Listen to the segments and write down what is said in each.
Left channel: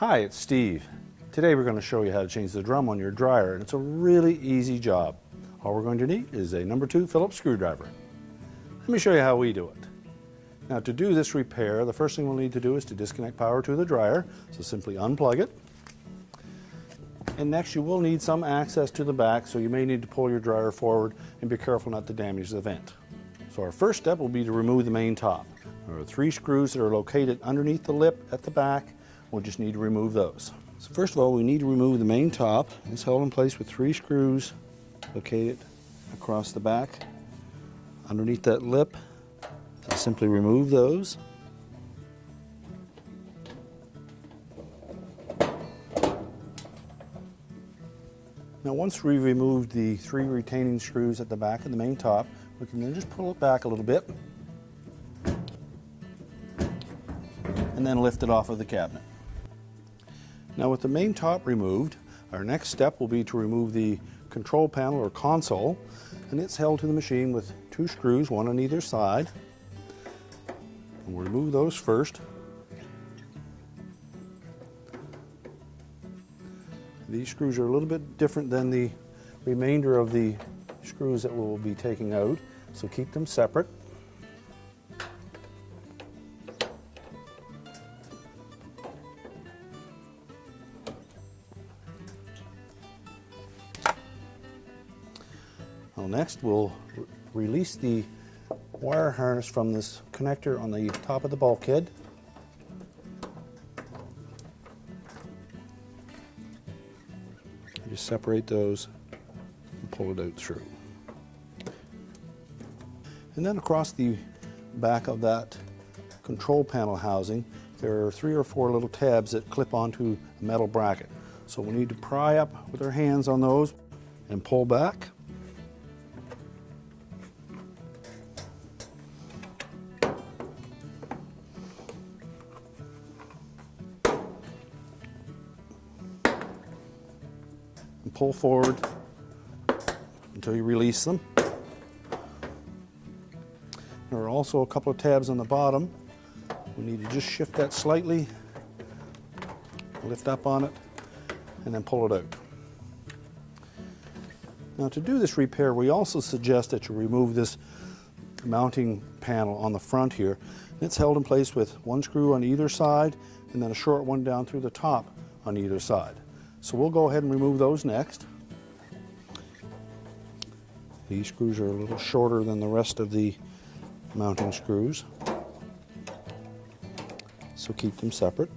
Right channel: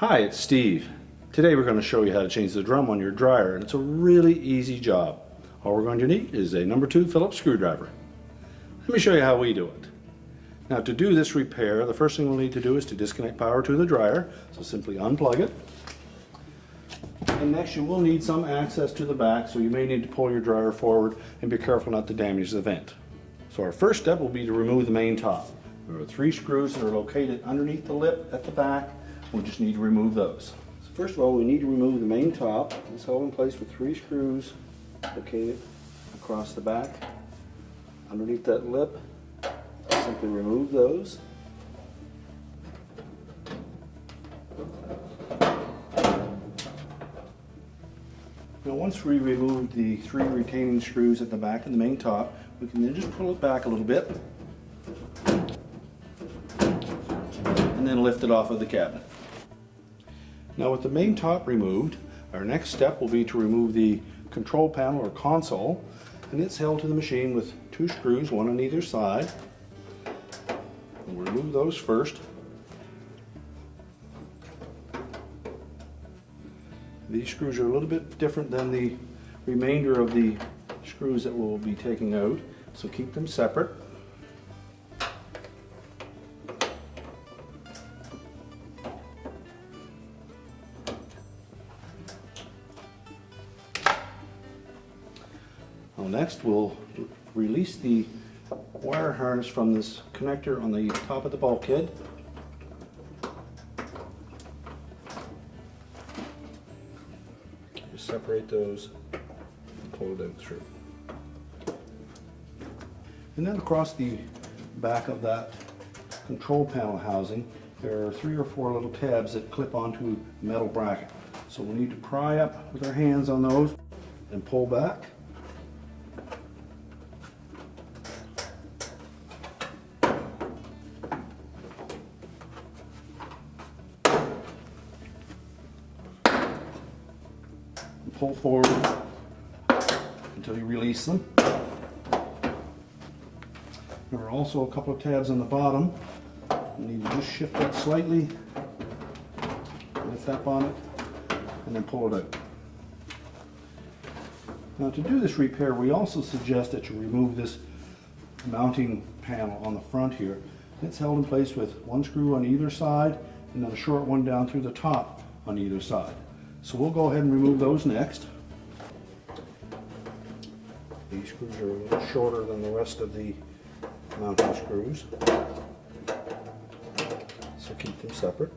Hi, it's Steve. Today we're going to show you how to change the drum on your dryer, and it's a really easy job. All we're going to need is a number 2 Phillips screwdriver. Let me show you how we do it. Now, to do this repair, the first thing we'll need to do is to disconnect power to the dryer, so simply unplug it. And next you will need some access to the back, so you may need to pull your dryer forward and be careful not to damage the vent. So our first step will be to remove the main top. There are 3 screws that are located underneath the lip at the back. We'll just need to remove those. So first of all, we need to remove the main top. It's held in place with 3 screws located across the back underneath that lip. Simply remove those. Now once we've removed the 3 retaining screws at the back of the main top, we can then just pull it back a little bit and then lift it off of the cabinet. Now with the main top removed, our next step will be to remove the control panel or console, and it's held to the machine with 2 screws, one on either side. We'll remove those first. These screws are a little bit different than the remainder of the screws that we'll be taking out, so keep them separate. Well, next we'll release the wire harness from this connector on the top of the bulkhead. Just separate those and pull it out through. And then across the back of that control panel housing, there are 3 or 4 little tabs that clip onto a metal bracket. So we need to pry up with our hands on those and pull back. Pull forward until you release them. There are also a couple of tabs on the bottom. You need to just shift that slightly, lift up on it, and then pull it out. Now to do this repair, we also suggest that you remove this mounting panel on the front here. It's held in place with 1 screw on either side and then a short one down through the top on either side. So we'll go ahead and remove those next. These screws are a little shorter than the rest of the mounting screws, so keep them separate.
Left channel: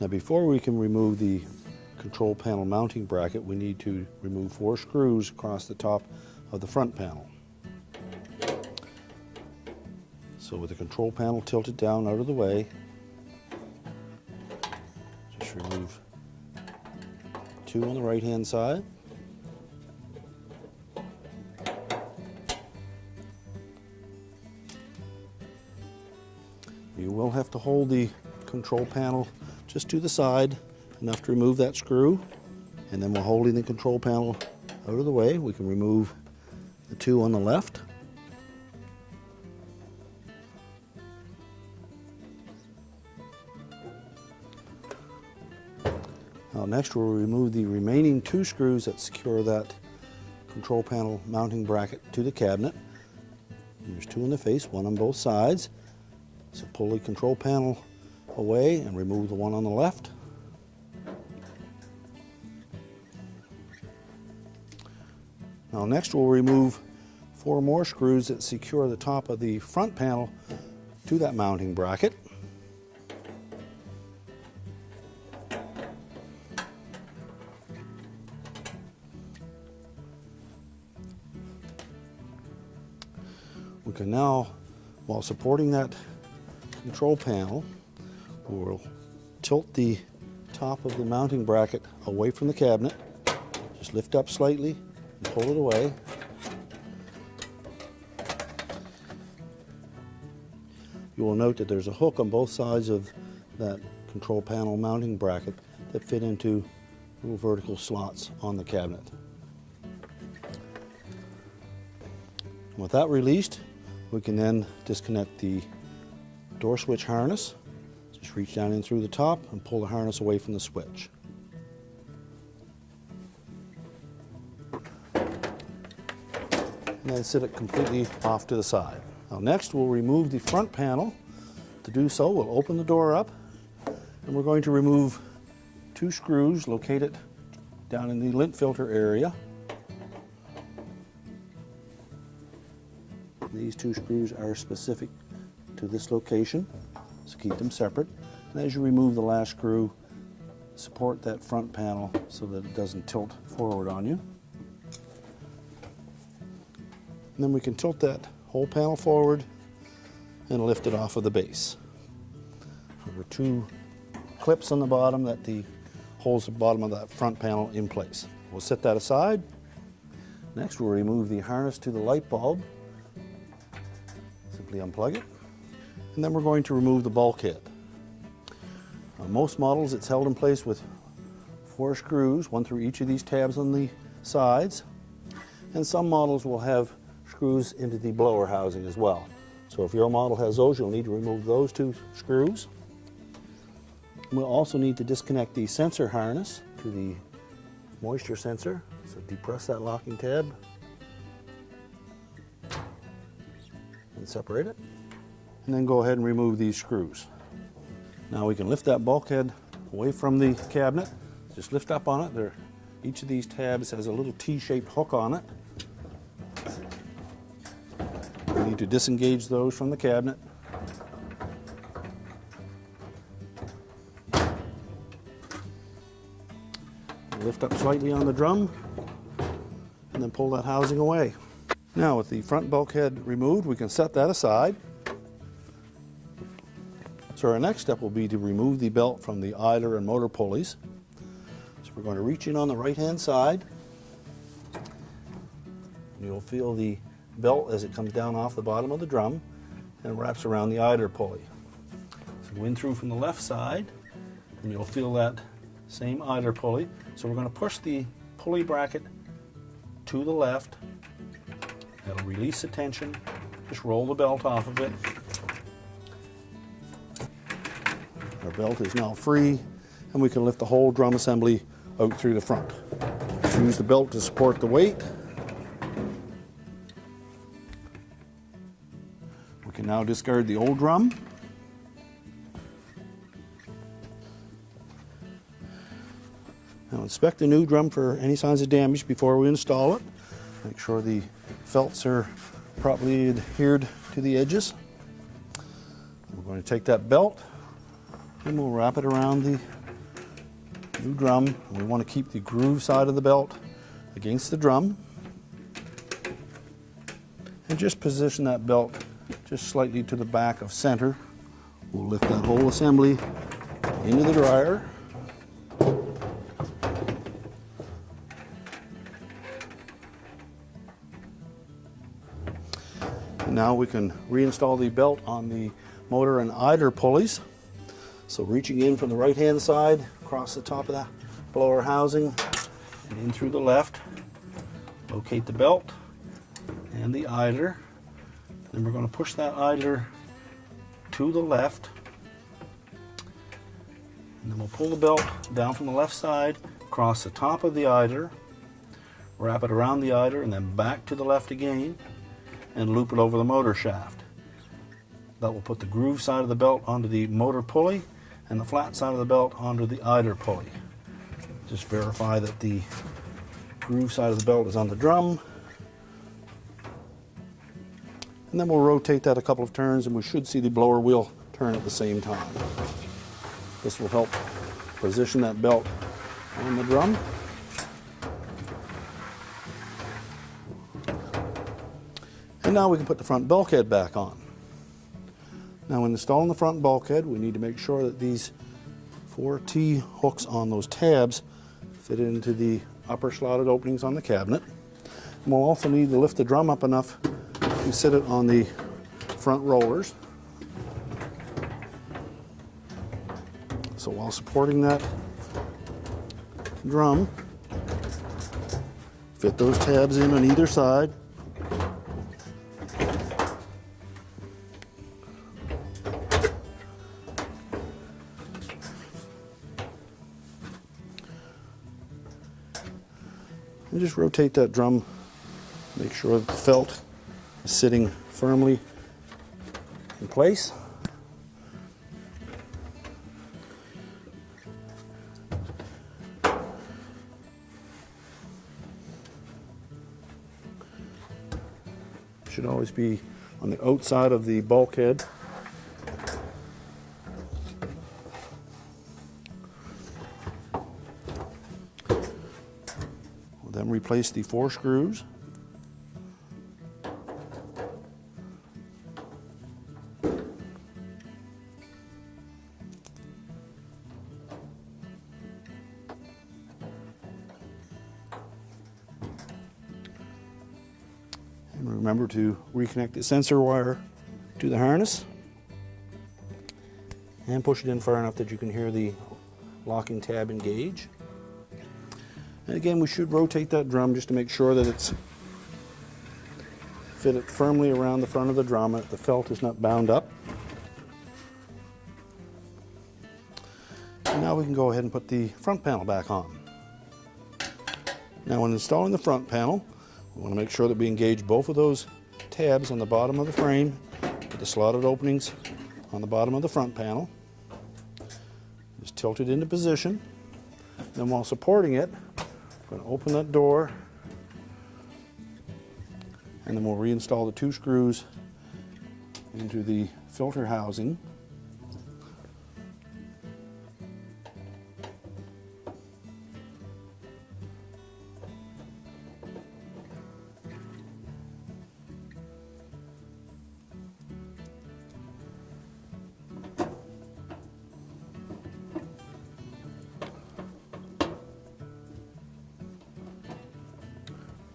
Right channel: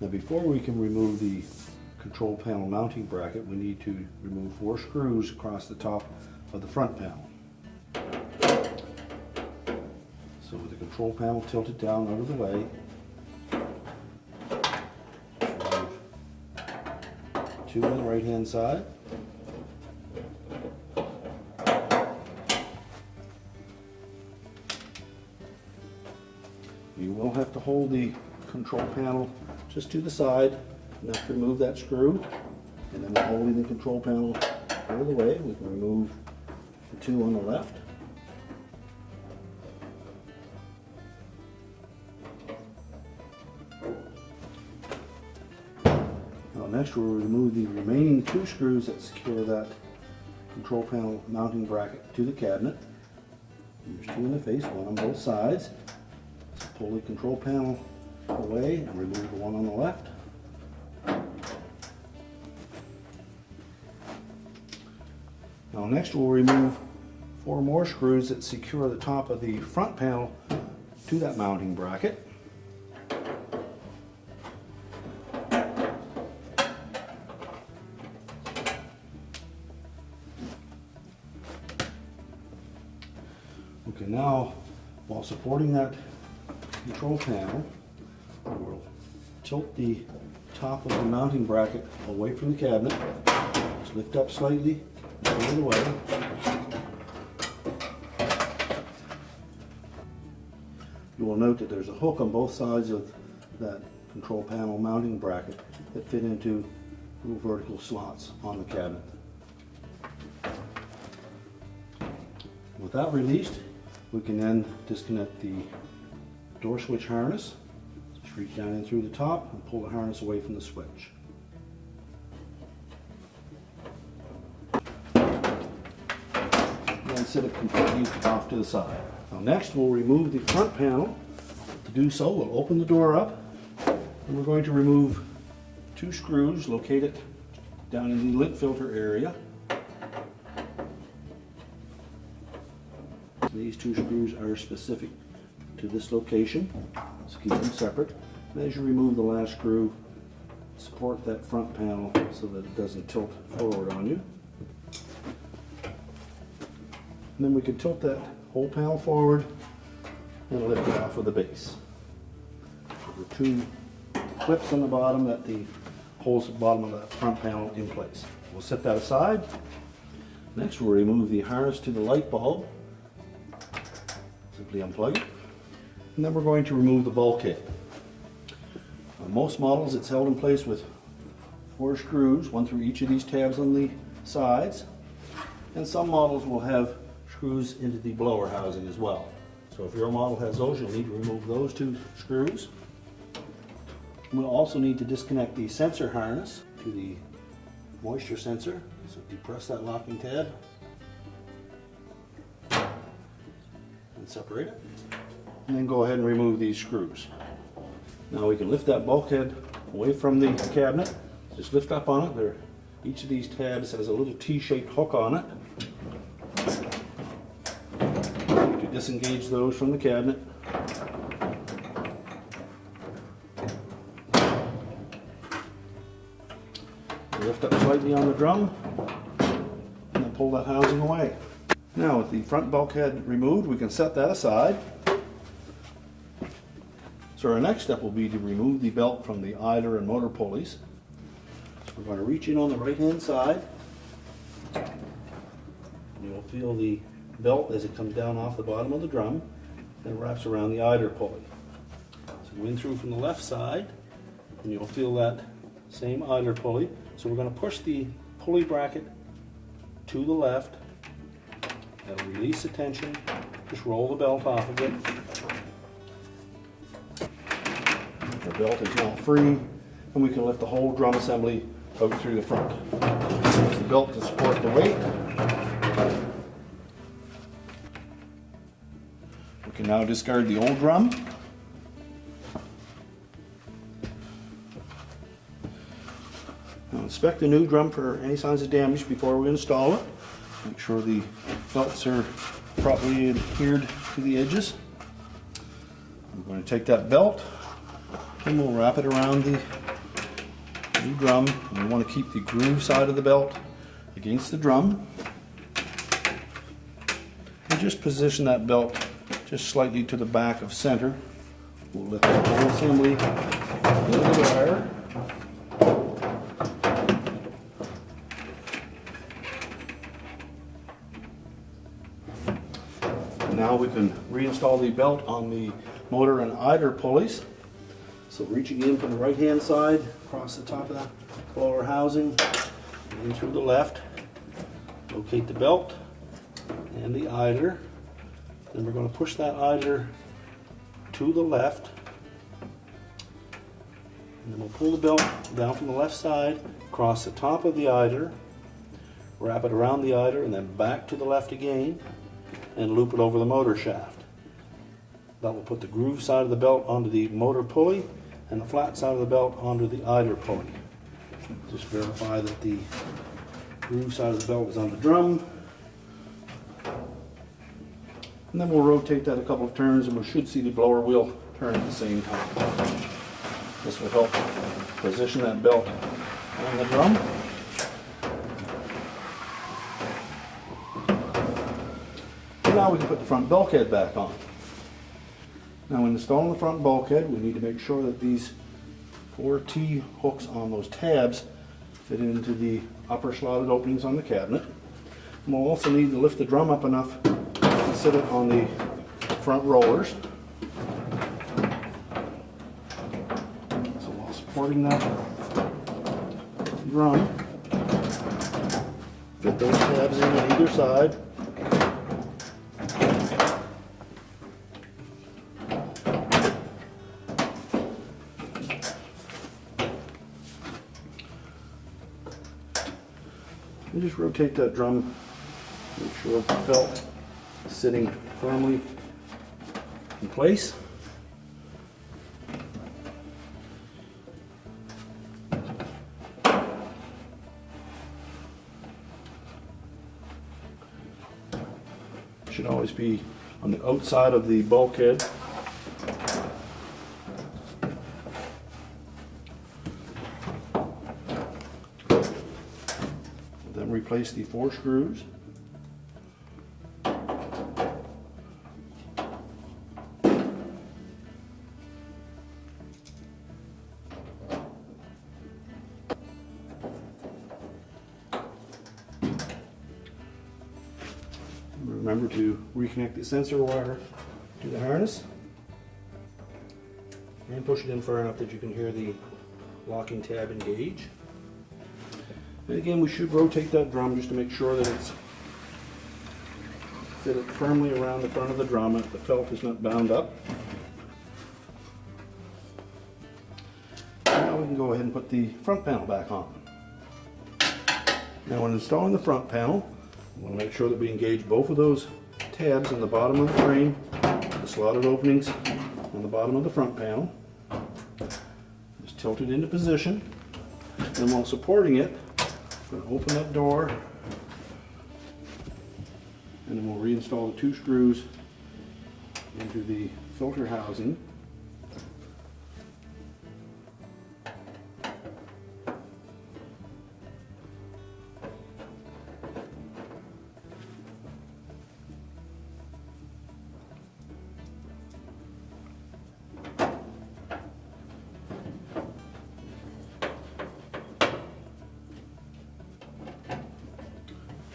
Now before we can remove the control panel mounting bracket, we need to remove 4 screws across the top of the front panel. So with the control panel tilted down out of the way, just remove 2 on the right hand side. You will have to hold the control panel just to the side enough to remove that screw, and then while holding the control panel out of the way, we can remove the 2 on the left. Next we'll remove the remaining 2 screws that secure that control panel mounting bracket to the cabinet. There's 2 in the face, 1 on both sides. So pull the control panel away and remove the 1 on the left. Now next we'll remove 4 more screws that secure the top of the front panel to that mounting bracket. We can now, while supporting that control panel, we will tilt the top of the mounting bracket away from the cabinet. Just lift up slightly, pull it away. You will note that there's a hook on both sides of that control panel mounting bracket that fit into little vertical slots on the cabinet. With that released, we can then disconnect the door switch harness. Just reach down in through the top and pull the harness away from the switch. And then set it completely off to the side. Now next we'll remove the front panel. To do so, we'll open the door up and we're going to remove 2 screws located down in the lint filter area. These 2 screws are specific to this location, so keep them separate. And as you remove the last screw, support that front panel so that it doesn't tilt forward on you. And then we can tilt that whole panel forward and lift it off of the base. There are 2 clips on the bottom that holds the bottom of that front panel in place. We'll set that aside. Next we'll remove the harness to the light bulb. Simply unplug it. And then we're going to remove the bulkhead. On most models it's held in place with 4 screws, 1 through each of these tabs on the sides. And some models will have screws into the blower housing as well. So if your model has those, you'll need to remove those 2 screws. We'll also need to disconnect the sensor harness to the moisture sensor. So depress that locking tab and separate it. And then go ahead and remove these screws. Now we can lift that bulkhead away from the cabinet. Just lift up on it. Each of these tabs has a little T-shaped hook on it. We need to disengage those from the cabinet. Lift up slightly on the drum and then pull that housing away. Now with the front bulkhead removed, we can set that aside. So our next step will be to remove the belt from the idler and motor pulleys. So we're going to reach in on the right hand side. You'll feel the belt as it comes down off the bottom of the drum and it wraps around the idler pulley. So go in through from the left side and you'll feel that same idler pulley. So we're going to push the pulley bracket to the left and release the tension. Just roll the belt off of it. The belt is now free and we can lift the whole drum assembly out through the front. Use the belt to support the weight. We can now discard the old drum. Now inspect the new drum for any signs of damage before we install it. Make sure the felts are properly adhered to the edges. We're going to take that belt and we'll wrap it around the new drum. And we want to keep the groove side of the belt against the drum. And just position that belt just slightly to the back of center. We'll lift that whole assembly into the dryer. Now we can reinstall the belt on the motor and idler pulleys. So reaching in from the right hand side, across the top of that blower housing, and in through the left, locate the belt and the idler. Then we're going to push that idler to the left. And then we'll pull the belt down from the left side, across the top of the idler, wrap it around the idler, and then back to the left again, and loop it over the motor shaft. That will put the groove side of the belt onto the motor pulley and the flat side of the belt onto the idler pulley. Just verify that the groove side of the belt is on the drum. And then we'll rotate that a couple of turns and we should see the blower wheel turn at the same time. This will help position that belt on the drum. And now we can put the front bulkhead back on. Now when installing the front bulkhead, we need to make sure that these 4 T hooks on those tabs fit into the upper slotted openings on the cabinet. And we'll also need to lift the drum up enough to sit it on the front rollers. So while supporting that drum, fit those tabs in on either side. And just rotate that drum, make sure the felt is sitting firmly in place. Should always be on the outside of the bulkhead. Then replace the 4 screws. Remember to reconnect the sensor wire to the harness and push it in far enough that you can hear the locking tab engage. And again, we should rotate that drum just to make sure that it's fitted firmly around the front of the drum and the felt is not bound up. Now we can go ahead and put the front panel back on. Now when installing the front panel, we want to make sure that we engage both of those tabs on the bottom of the frame, the slotted openings on the bottom of the front panel. Just tilt it into position, and while supporting it, I'm going to open that door, and then we'll reinstall the 2 screws into the filter housing.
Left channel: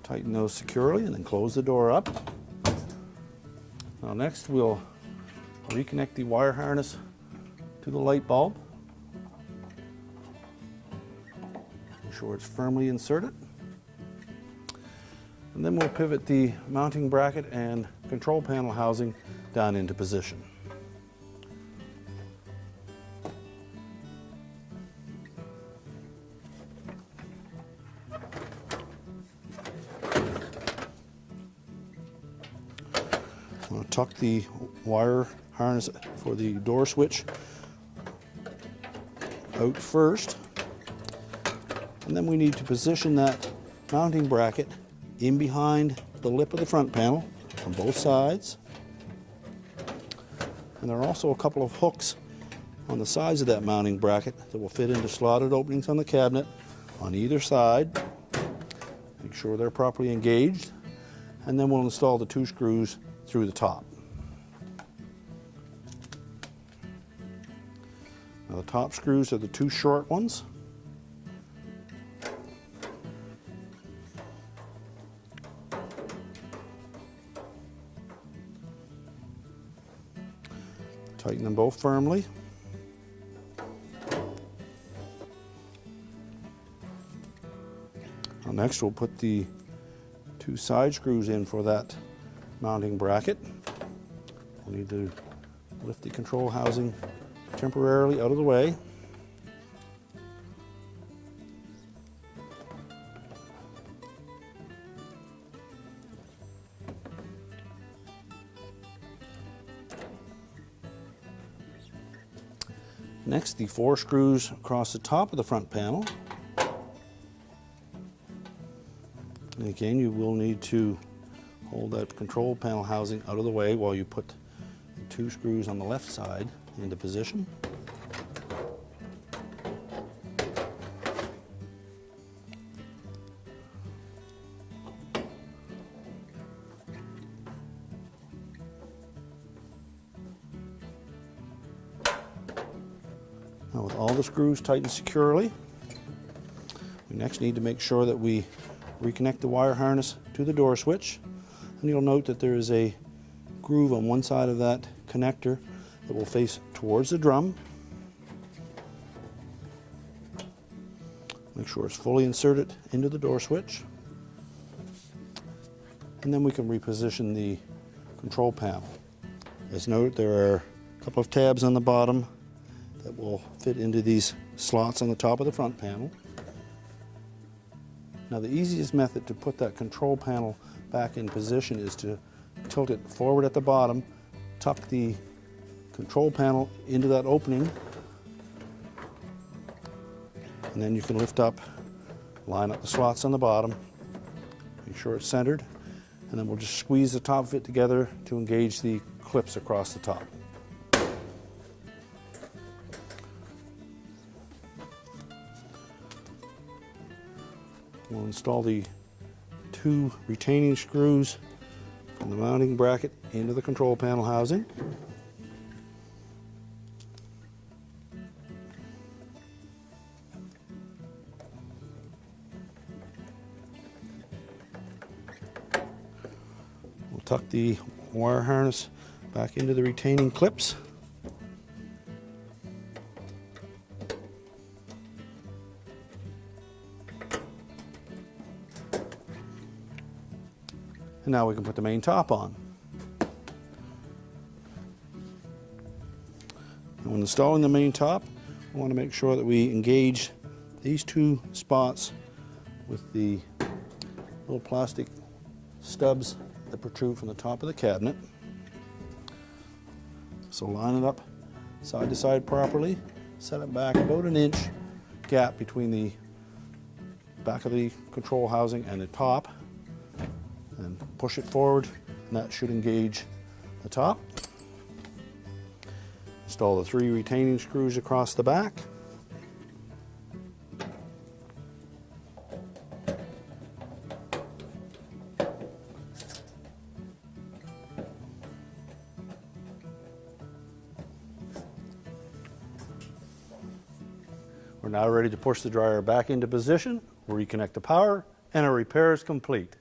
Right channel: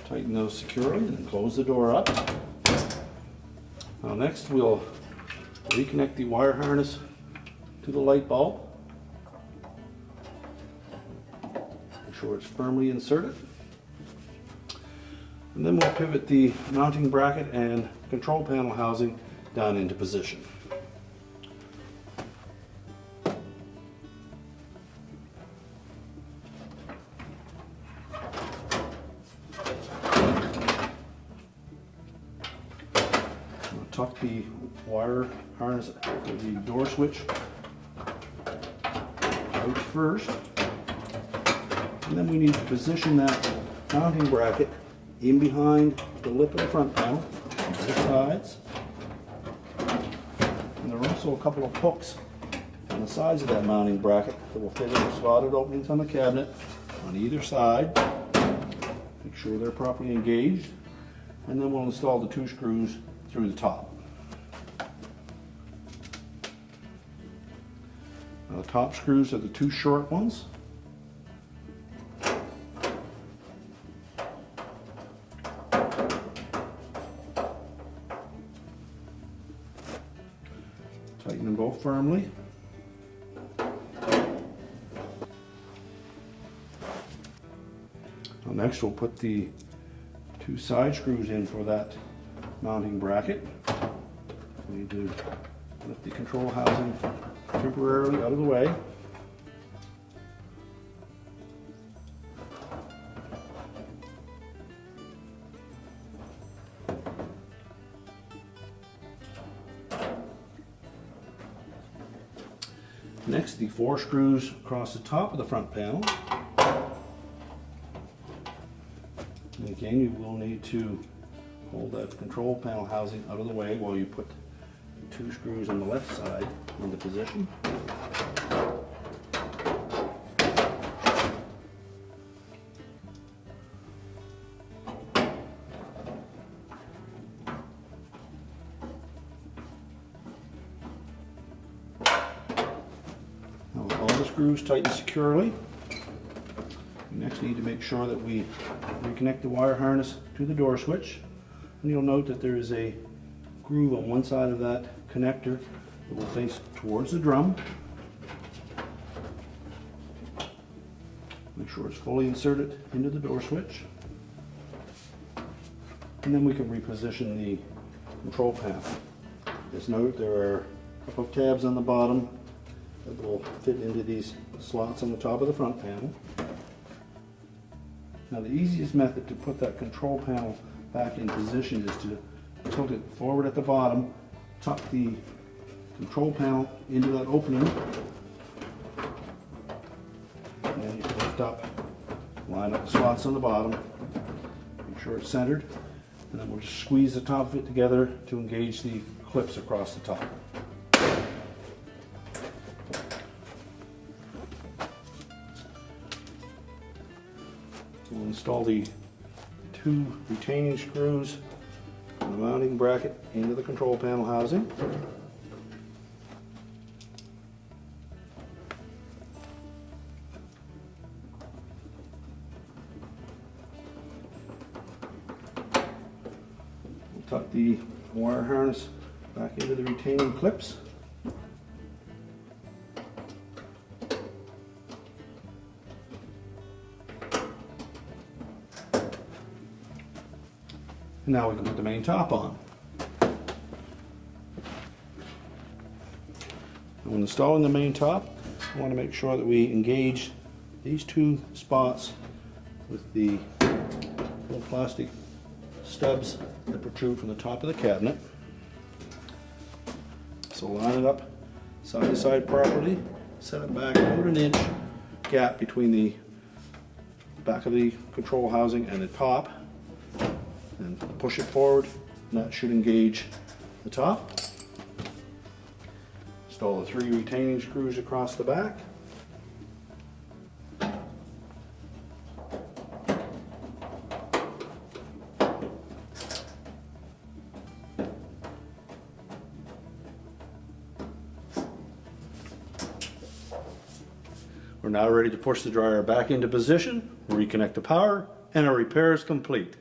Tighten those securely and then close the door up. Now next we'll reconnect the wire harness to the light bulb. Make sure it's firmly inserted. And then we'll pivot the mounting bracket and control panel housing down into position. Tuck the wire harness for the door switch out first, and then we need to position that mounting bracket in behind the lip of the front panel on both sides. And there are also a couple of hooks on the sides of that mounting bracket that will fit into slotted openings on the cabinet on either side. Make sure they're properly engaged, and then we'll install the 2 screws through the top. Now the top screws are the 2 short ones. Tighten them both firmly. Now next we'll put the 2 side screws in for that mounting bracket. We need to lift the control housing temporarily out of the way. Next, the 4 screws across the top of the front panel. And again, you will need to hold that control panel housing out of the way while you put 2 screws on the left side into position. Now with all the screws tightened securely, we next need to make sure that we reconnect the wire harness to the door switch. And you'll note that there is a groove on one side of that connector that will face towards the drum. Make sure it's fully inserted into the door switch. And then we can reposition the control panel. As noted, there are a couple of tabs on the bottom that will fit into these slots on the top of the front panel. Now the easiest method to put that control panel back in position is to tilt it forward at the bottom, tuck the control panel into that opening, and then you can lift up, line up the slots on the bottom, make sure it's centered, and then we'll just squeeze the top of it together to engage the clips across the top. We'll install the 2 retaining screws from the mounting bracket into the control panel housing. We'll tuck the wire harness back into the retaining clips. And now we can put the main top on. And when installing the main top, I want to make sure that we engage these 2 spots with the little plastic stubs that protrude from the top of the cabinet. So line it up side to side properly, set it back about an inch gap between the back of the control housing and the top, and push it forward, and that should engage the top. Install the 3 retaining screws across the back. We're now ready to push the dryer back into position, reconnect the power, and our repair is complete.